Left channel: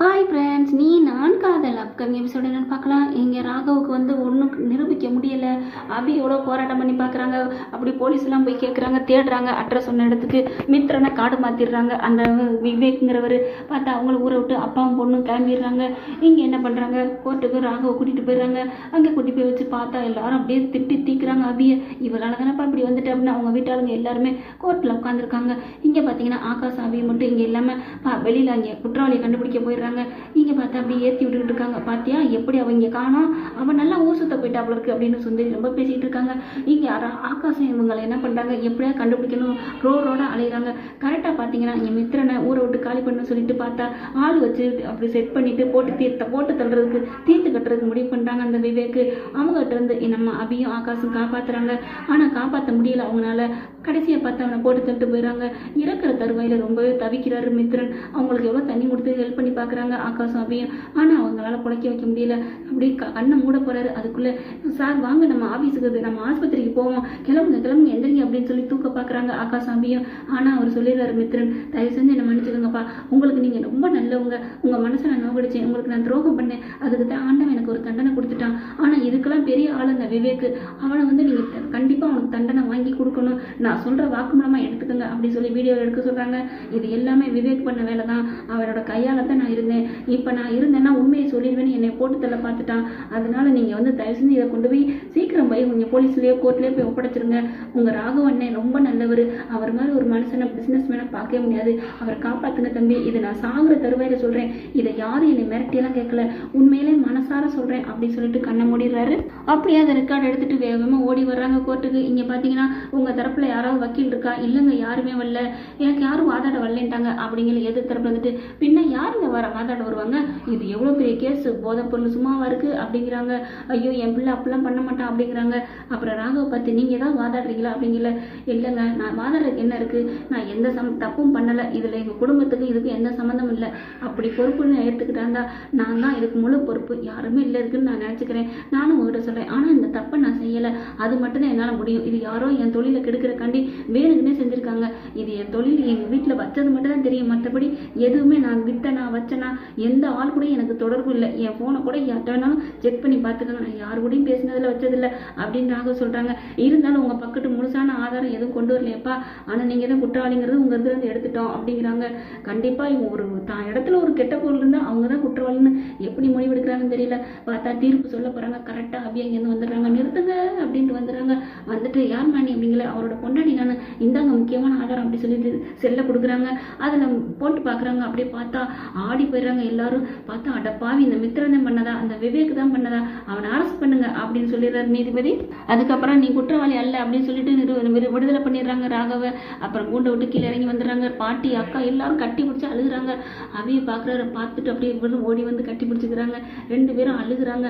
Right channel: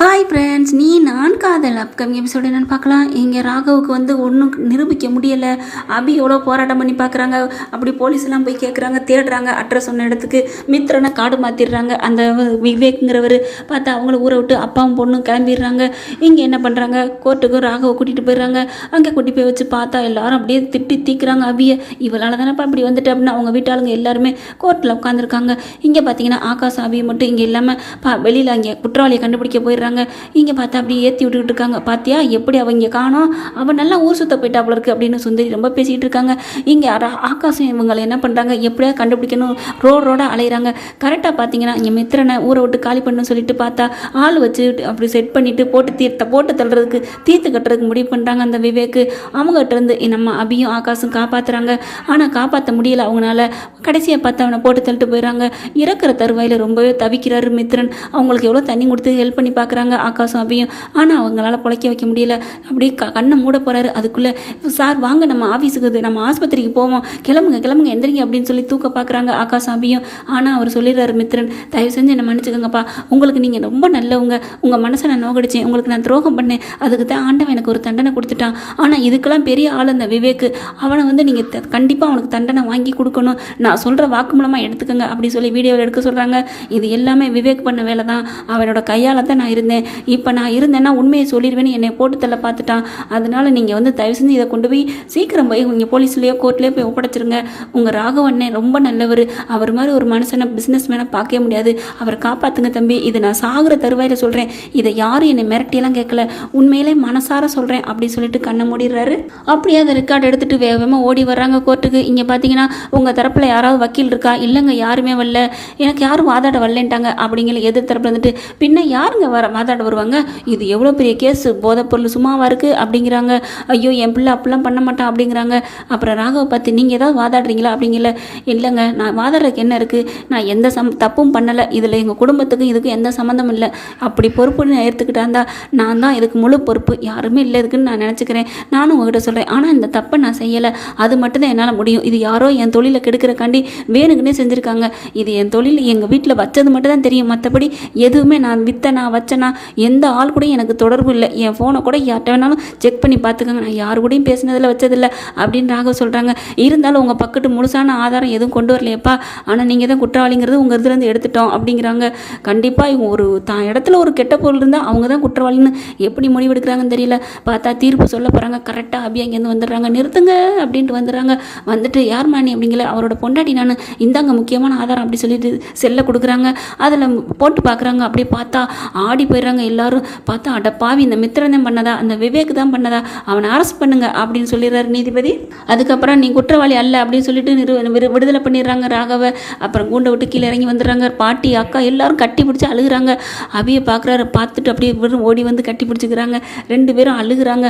Hi friends நீ நான் காதல். அப்கமிங் எபிசோடு என்னென்னு பார்க்கலாம். இங்கே ராகவுக்கு வந்து ஒன்றும் நிரூபிக்க முடியலை. அபி எவ்வளோ போராட்டம் பண்ணி பார்க்குறாங்க. அப்படி போலீஸ் எல்லாம் போய் கேட்குறாங்க தேடுறாங்க அட்ரஸ் சொன்ன இடத்துக்கு. மித்திரனை காடு மாற்றிடுறாங்க அந்த விவேக்குங்கிறவர் பார்த்தா அவங்கள ஊரை விட்டு அப்பாவும் பொண்ணும் கிளம்பிடுறாங்க. இங்கே என்ன பண்ணுறாங்க கோர்ட்டுக்கு ராகவை கூட்டிகிட்டு போயிடுறாங்க. அங்கே கூட்டி போய் வச்சு பார்த்தா எல்லாரும் அப்படியே திட்டி தீக்குறாங்க அபியை. இவளால் தானேப்பா இப்படி வந்துட்டு அப்படின்னு அவங்க வீட்டாளுங்க எல்லாருமே கோர்ட்டில் உட்காந்துருக்காங்க இங்கே பார்த்தீங்கன்னா ஆகாஷ் அபியை மட்டும் இங்கே இல்லாமல் பா வெளியில் அங்கே குற்றவாளியை கண்டுபிடிக்க போயிடுறாங்க. இங்கே பார்த்தா அப்படியே ஏற்றி விட்டுக்கிட்டு இருக்காங்க. பார்த்தியா எப்படி அவங்க காணும் அவன் நல்லா ஊர் சுத்த போயிட்டாப்புல இருக்கு அப்படின்னு சுந்தரி ரொம்ப பேசிகிட்டு இருக்காங்க. இங்கே ஆகாசம் இவங்களை என்ன பண்ணுறாங்க எப்படியா கண்டுபிடிக்கணும்? ரோடு ரோடாக அலையிறாங்க. கரெக்டாக பார்த்தீங்கன்னா இங்கே மித்திரனை ஊரை விட்டு காலி பண்ணணும்னு சொல்லிட்டு பார்த்தா ஆள் வச்சு அப்படி செட் பண்ணிட்டு போட்டு தீர்த்த போட்டு தள்ளுறதுக்கு தீர்த்து கட்டுறதுக்கு முடிவு பண்ணுறாங்க அந்த விவேக்கு. அவங்ககிட்ட இருந்து நம்ம அபியும் ஆகாசும் காப்பாற்றுறாங்க ஆனால் காப்பாற்ற முடியல அவங்களால கடைசியாக பார்த்து அவனை போட்டு தள்ளிட்டு போயிடுறாங்க இறக்குற தருவாயில் ரொம்பவே தவிக்கிறாரு மித்திரன் அவங்களுக்கு எவ்வளோ தண்ணி கொடுத்து ஹெல்ப் பண்ணி பார்க்க பார்க்குறாங்க ஆகாசம் அபியும் ஆனால் அவங்களால பிழைக்க வைக்க முடியல. அப்படியே க கண்ணை மூட போகிறாரு அதுக்குள்ளே சார் வாங்க நம்ம ஆஃபீஸுக்கு இது, நம்ம ஆஸ்பத்திரிக்கு போவோம். கிளம்புங்க கிளம்புங்க எந்திரிங்க அப்படின்னு சொல்லி தூக்க பார்க்குறாங்க ஆகாசம் அபியும் ஆனால் அவர் சொல்லிடுறாரு மித்ரன் தயவு செஞ்சு என்னை மன்னிச்சுக்கோங்கப்பா. உங்களுக்கு நீங்கள் ரொம்ப நல்லவங்க. உங்கள் மனசை நான் நோகடிச்சேன் உங்களுக்கு நான் துரோகம் பண்ணேன். அதுக்கு தான் ஆண்டவன் எனக்கு ஒரு தண்டனை கொடுத்துட்டான். ஆனால் இதுக்கெல்லாம் பெரிய ஆள் அந்த விவேக்கு அவனை வந்து நீங்கள் கண்டிப்பாக அவனுக்கு தண்டனை வாங்கி கொடுக்கணும். நான் சொல்கிற வாக்கு மூலமாக எடுத்துக்கோங்க அப்படி சொல்லி வீடியோவில் எடுக்க சொல்கிறாங்க இது எல்லாமே விவேக் பண்ண வேலை தான் அவனோட கையால் தான் நான் இருந்தேன். இப்போ நான் இருந்தேன்னா உண்மையை சொல்லிடுவேன்னு என்னை போட்டு தள்ள பார்த்துட்டான். அதனால நீங்கள் வந்து தயவு செஞ்சு இதை கொண்டு போய் சீக்கிரம் போய் இங்கே போலீஸ்லேயோ கோர்ட்லேயோ போய் ஒப்படைச்சிருங்க. உங்கள் ராகவண்ணே ரொம்ப நல்லவர். அவர் மாதிரி ஒரு மனுஷனை பிஸ்னஸ் மேனை பார்க்கவே முடியாது. அவரை காப்பாற்றுங்க தம்பி. இது நான் சாகுற தருவாயில் சொல்கிறேன் இதை யாரும் என்னை மிரட்டியெல்லாம் கேட்கல. உண்மையிலே மனசார சொல்கிறேன் அப்படி சொல்லிட்டு கண்ணை மூடிடுறாரு. அப்படியே அதை ரெக்கார்டு எடுத்துகிட்டு வேகமாக ஓடி வர்றாங்க கோர்ட்டுக்கு இங்கே பார்த்தீங்கன்னா உங்கள் தரப்பில் யாராவது வக்கீல் இருக்கா? இல்லைங்க யாருமே வரல. எனக்கு யாரும் வாதாட வரலன்ட்டாங்க. அப்படிங்கிற எதிர் தரப்பில் வந்துட்டு பின்ன யாருங்க வர வாதாட வருவாங்க. இது எவ்வளோ பெரிய கேஸ்? போதைப்பொருள் சும்மாவாக இருக்குது அப்படிங்கிறாங்க. ஐயோ என் பிள்ளை அப்படிலாம் பண்ண மாட்டான் அப்படிங்கிறாங்க. அப்புறம் ராகவை பார்த்து நீங்கள் ஏதாவது வாதாடுறீங்களா? அப்படிங்கல. இல்லைங்க. நான் வாதாடுறதுக்கு என்ன இருக்குது நான் எந்த சம் தப்பும் பண்ணலை. இதில் எங்கள் குடும்பத்துக்கும் இதுக்கும் எந்த சம்மந்தமும் இல்லை. அப்படி பொறுப்புன்னு நான் இருந்தால் நான் தான் இதுக்கு முழு பொறுப்பு. யாருமே இல்லை இதுக்குன்னு நான் நினச்சிக்கிறேன். நானும் உங்ககிட்ட சொல்கிறேன் ஆனால் இந்த தப்பை நான் செய்யலை. அது மட்டும்தான் என்னால் முடியும். இது யாரோ என் தொழிலை கெடுக்கிறக்காண்டி வேணுங்கன்னே செஞ்சுருக்காங்க. இது என் தொழில் எங்கள் வீட்டில் வச்சது மட்டும் தான் தெரியும். மற்றபடி எதுவுமே நான் விற்ற நான் வச்ச வச்சனா எந்த ஆள் கூட எனக்கு தொடர்பு இல்லை. என் ஃபோனை கூட யார்கிட்ட வேணாலும் செக் பண்ணி பார்த்துக்கோங்க. நான் யார் கூடயும் பேசினதில் வச்சதில்லை அப்படின்னு ராகவ் சொல்கிறாங்க இருந்தாலும் உங்கள் பக்கத்து முழுசான ஆதாரம் எதுவும் கொண்டு வரலையப்பா. ஆனால் நீங்கள் தான் குற்றவாளிங்கிறது உங்கள் இதுலேருந்து எடுத்துட்டோம் அப்படிங்கிறாங்க. கண்டிப்பாக இவங்க ஒரு தான் இடத்துல ஒரு கெட்ட பொருள் இருந்தால் அவங்க தான் குற்றவாளின்னு எப்படி முடிவெடுக்கிறாங்கன்னு தெரியல. பார்த்தா தீர்ப்பு சொல்ல போகிறாங்க கரெக்டாக அப்படியே அங்கேருந்து வந்துடுறாங்க. நிறுத்துங்க அப்படின்ட்டு வந்துடுறாங்க. வந்துட்டு யார் மாணி அப்படிங்கிற அவரோட பொண்டாட்டி நான் இந்தாங்க முக்கியமான ஆதாரம் அப்படி சொல்லிட்டு செல்லை கொடுக்குறாங்க. அதில் போட்டு பார்க்குறாங்க. அப்படி பார்த்தா ஆடி போயிடுறாங்க. எல்லாரும் பார்த்தா அடப்பாவி பாவி இந்த மித்திரன் தான் பண்ணதா? அந்த விவேக் தான் பண்ணதா? அவனை அரெஸ்ட் பண்ணுங்க அப்படின்னு சொல்லிடுறாரு நீதிபதி. அதுக்கப்புறம் நீ குற்றவாளி அல்ல அப்படின்னு சொல்லிட்டு நிறு விடுதலை பண்ணிடுறாங்க ராகவ. அப்புறம் கூண்டை விட்டு கீழே இறங்கி வந்துடுறாங்க. பாட்டி அக்கா எல்லாரும் கட்டி பிடிச்சி அழுகுறாங்க. அவிய பார்க்குறாரு பார்த்துட்டு அப்படியே வெறும் ஓடி வந்து கட்டி பிடிச்சிக்கிறாங்க. ரெண்டு பேரும் அழுகுறாங்க.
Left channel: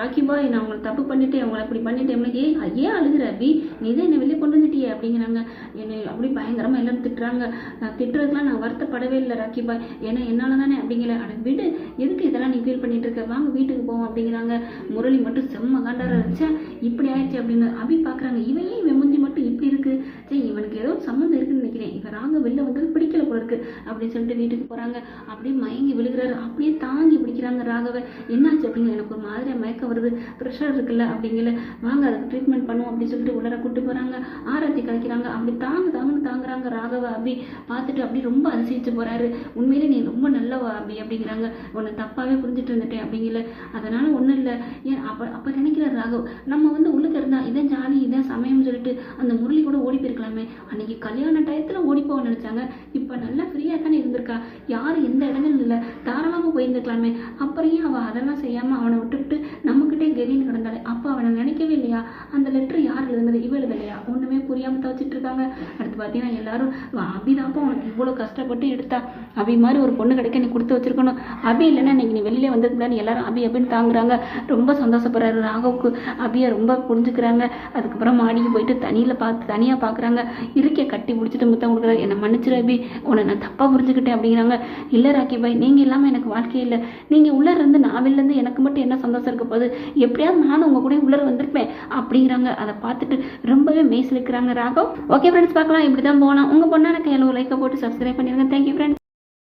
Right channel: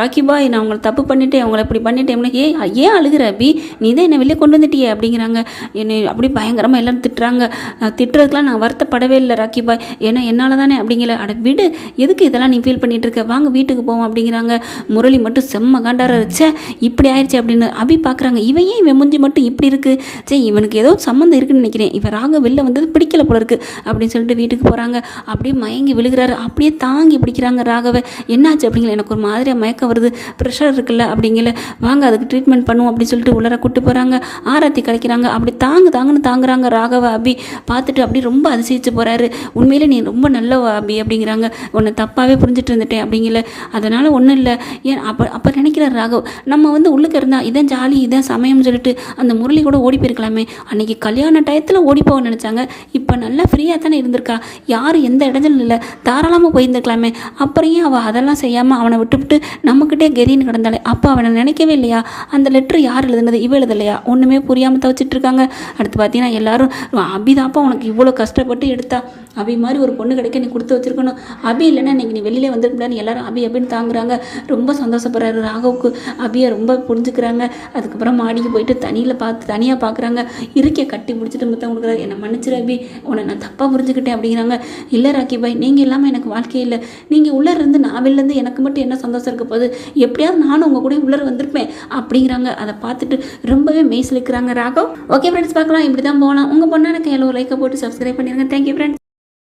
ராக்கி பாய் நான் அவங்களை தப்பு பண்ணிட்டேன் அவங்கள இப்படி பண்ணிட்டேன். ஏ ஏன் அழுகுற? அபி நீ தான் என்னை வெளியே கொண்டு வந்துட்டியே அப்படிங்கிறாங்க. என்னை அப்படி பயங்கரமாக எல்லாரும் திட்டுறாங்க. நான் திட்டுறதுக்குலாம் நான் வருத்தப்படவே இல்லை ராக்கி பாய். ஏன்னா என்னால் தானே அப்படிங்கிற அட விடு எதுக்கு இதெல்லாம் நீ ஃபீல் பண்ணிட்டு இருக்க வாங்க வீட்டுக்கு போவோம் அப்படிங்கிறாங்க. முரளி மட்டும் செம்ம காண்டார ச்சே இப்படி ஆயிடுச்சு அப்படின்னு அபி பார்க்குறாங்க இவன் ஏன் இவன் முஞ்சி மட்டும் இப்படி இருக்குது சே இவனுக்கு ஏதோ சம்மந்தம் இருக்குன்னு நினைக்கிறேன். இவன் ராக வெளில வந்தது பிடிக்கல போல இருக்குது அப்படின்னு சொல்லிட்டு வீட்டுக்கு போகிறாங்க அப்படியே மயங்கி விழுகிறாரு. அப்படியே தாங்கி பிடிக்கிறாங்க ராகவை. என்னாச்சு அப்படிங்கிற எனக்கு ஒரு மாதிரியாக மயக்கம் வருது. ப்ரெஷர் இருக்குல்ல அப்படிங்கல. வாங்க அதுக்கு ட்ரீட்மெண்ட் பண்ணுவோம் அப்படின்னு சொல்லிட்டு உள்ளர கூட்டு போகிறாங்க ஆராத்தி கழிக்கிறாங்க அப்படி தாங்கு தாங்குன்னு தாங்குறாங்க ராகவ அபி. பார்த்துட்டு அப்படியே ரொம்ப அதிசயிச்சு போகிறாரு உண்மையிலே நீ ரொம்ப நல்ல அபி அப்படிங்கிறாங்க. உன்னை தப்பாகவே புரிஞ்சுட்டு இருந்துட்டேன் அப்படிங்கல. அதனால் ஒன்றும் இல்லை. ஏன் அப்போ அப்போ நினைக்கிற ராகவ். நம்ம வந்து உள்ளுக்கு இருந்தால் இதான் ஜாலி இதான் சமயம்னு சொல்லிட்டு அந்த முரளி கூட ஓடி போயிருக்கலாமே. அன்றைக்கி கல்யாண டயத்தில் ஓடி போக நினச்சாங்க. இப்போ நல்லா ஃப்ரீயாக தானே இருந்திருக்கா. யாரும் எந்த இடத்துல இல்லை. தாராளமாக போயிருந்துருக்கலாமே. அப்புறம் ஏன் அவள் அதெல்லாம் செய்யாமல் அவனை விட்டுவிட்டு நம்மக்கிட்டே கெதின்னு கிடந்தாலே அப்போ அவனை நினைக்கவே இல்லையா? அந்த லெட்ரு யார் எழுதுனது? இவ எழுதலையா? ஒன்றுமே புரியாமல் தவச்சிட்டு இருக்காங்க. அடுத்து பார்த்தீங்கன்னா எல்லாரும் அபிதாப்பா உனக்கு இவ்வளோ கஷ்டப்பட்டு எடுத்தா. அபி மாதிரி ஒரு பொண்ணு கிடைக்க நீ கொடுத்து வச்சிருக்கணும். அபி இல்லைன்னா இன்னைக்கு நீ வெளியிலே வந்திருக்கலான்னு எல்லாரும் அபி அபின்னு தாங்குறாங்க. ரொம்ப சந்தோஷப்படுறாரு ராகவுக்கு. அபியை ரொம்ப புரிஞ்சுக்கிறாங்க. அதுக்கப்புறம் மாடிக்கு போயிட்டு தனியில் பார்த்து தனியாக பார்க்குறாங்க இருக்கே கட்டி பிடிச்சிட்டு முத்தம் கொடுக்குறாரு. என்னை மன்னிச்சிரு அபி. உன்னை நான் தப்பாக புரிஞ்சுக்கிட்டேன் அப்படிங்கிறாங்க. இல்லை ராக்கி பாய் நீங்கள் இல்லாமல் எனக்கு வாழ்க்கையே இல்லை. நீங்கள் உள்ளே இருந்து நான் வெளிலேருந்து எனக்கு மட்டும் என்ன சந்தோஷம் இருக்க போகுது? எப்படியாவது நானும் உங்கள் கூட உள்ளே வந்திருப்பேன் அப்படிங்கிறாங்க. அதை பார்த்துட்டு ரொம்பவே மெய்சிலுக்கிறாங்க ராகவ். ஓகே ஃப்ரெண்ட்ஸ் பார்க்கலாம். இப்படி தான் போகலாம். உங்கள் பொண்ணான கையில் ஒரு லைக்கை போட்டு சப்ஸ்கிரைப் பண்ணிடுங்க தேங்க்யூ ஃப்ரெண்ட்ஸ்